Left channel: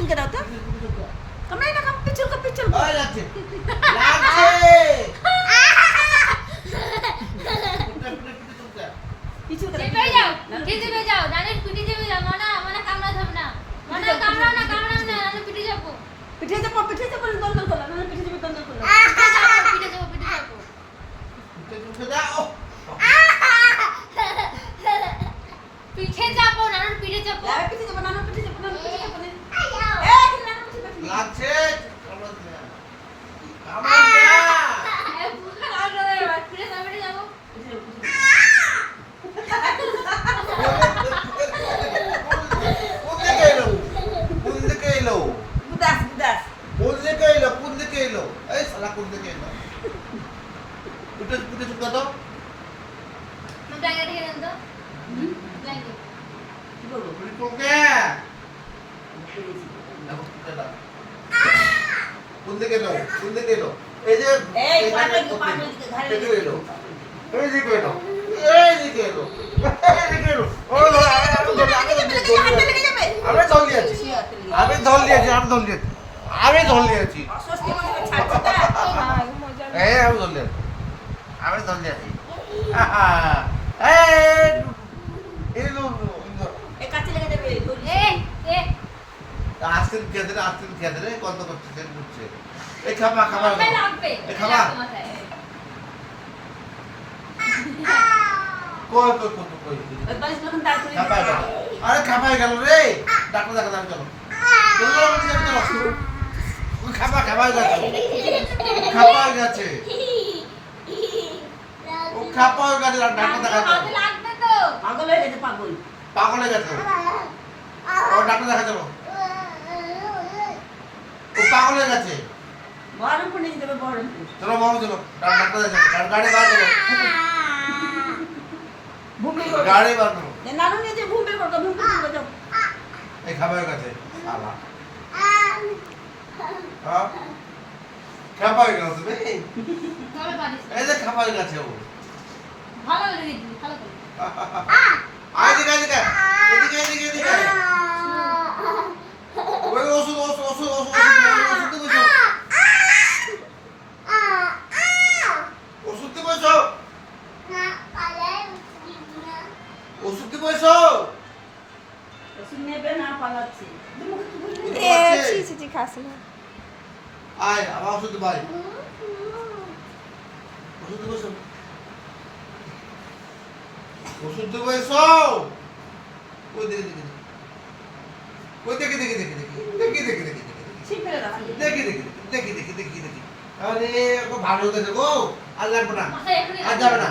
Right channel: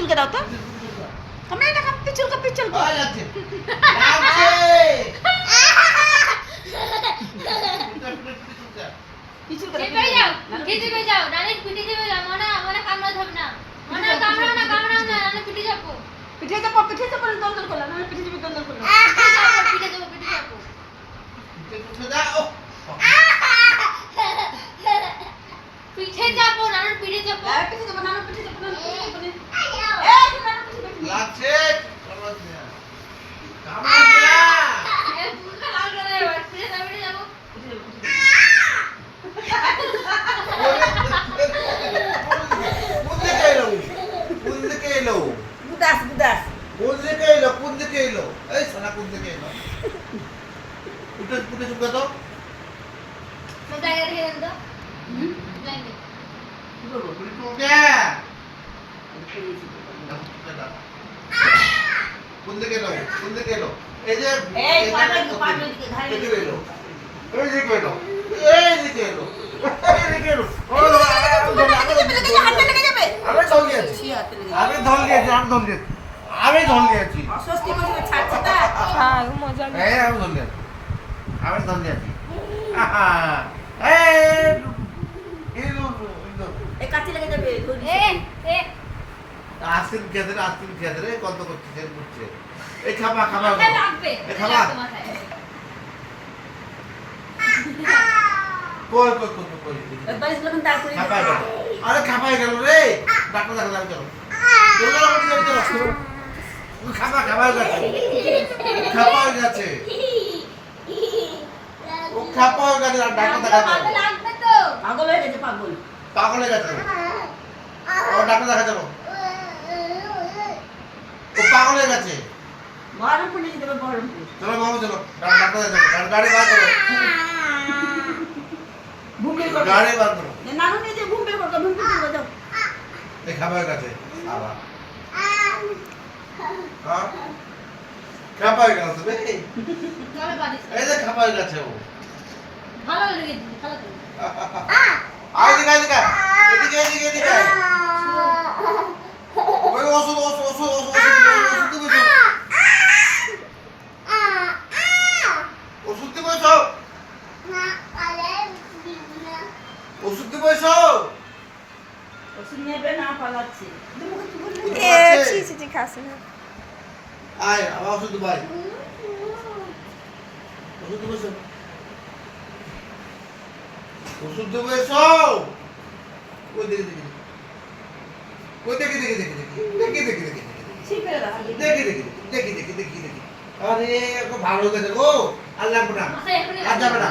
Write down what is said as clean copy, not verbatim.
চুলকে দাও তো কামড়াই না পিছলকে লাগছে পিছলকে চেপে যাও চেপে যাও ডাইরেক্ট পিঠে চেপে যাও মনে কামড়া ধর না মনে কামড়াও না নালে পিঠে যাবো পিঠে চাপো দন্দল করলাম না পিঠে চাপো দন্দল করলাম পিঠে যাবো দাও পিঠে যাবো নালে পিঠে যাবো পিঠে চাপো নানু পিঠে চাপো নানু পিঠে চাপো লাগছে আমি ধল দিয়েছি অস্বস্তি করে ছাড়ছে তা হ্যাঁ মজা আমি ধল দিয়েছি এই কাছে লেগে যাবে ধরি আস্তে খেতে কত করছে সেন করছে এই খাবা লাগবে এই খাবা কই বালিশ লাগান দাঁড় করে খাপাই গেল আরে খাপাই গেল রে ডাক্তার দেখা চলো খাপাই গেছে ও খাপাই গেছে ডাক্তার দেখা লাগবে তো পাগল হয়ে গেছে পাগল হয়ে গেছে ও ডাক্তার দেখা চলো ও পাগল হয়ে গেছে বহরমপুর নিয়ে যাবে বহরমপুর চলো মামু চলো ডাক্তার দেখা গাড়ি বার করো ভূমি করো গাড়ি বার করো নানু নিয়ে যে ভূমি করো যাও এই খাবার কাছে সালা খাবার কাছে বে চলে বাড়ি এই যে খাবার কাছে ও ভালো করে দিবি ভালো করে আই দিকে এদিকে ওই ওষুধ দিবি ওষুধ দিবি ওষুধ দিবি ওষুধ নেবে না পালাচ্ছে এ ছি খাস না আয় আবার ওষুধ ভাই ওষুধ দেবো এসো ওই দেখে ঠিক করে দাও দেখি আরে ভালো হয়ে গেছে গো আর লাগবে না মাথায় এখনই আর যাবে না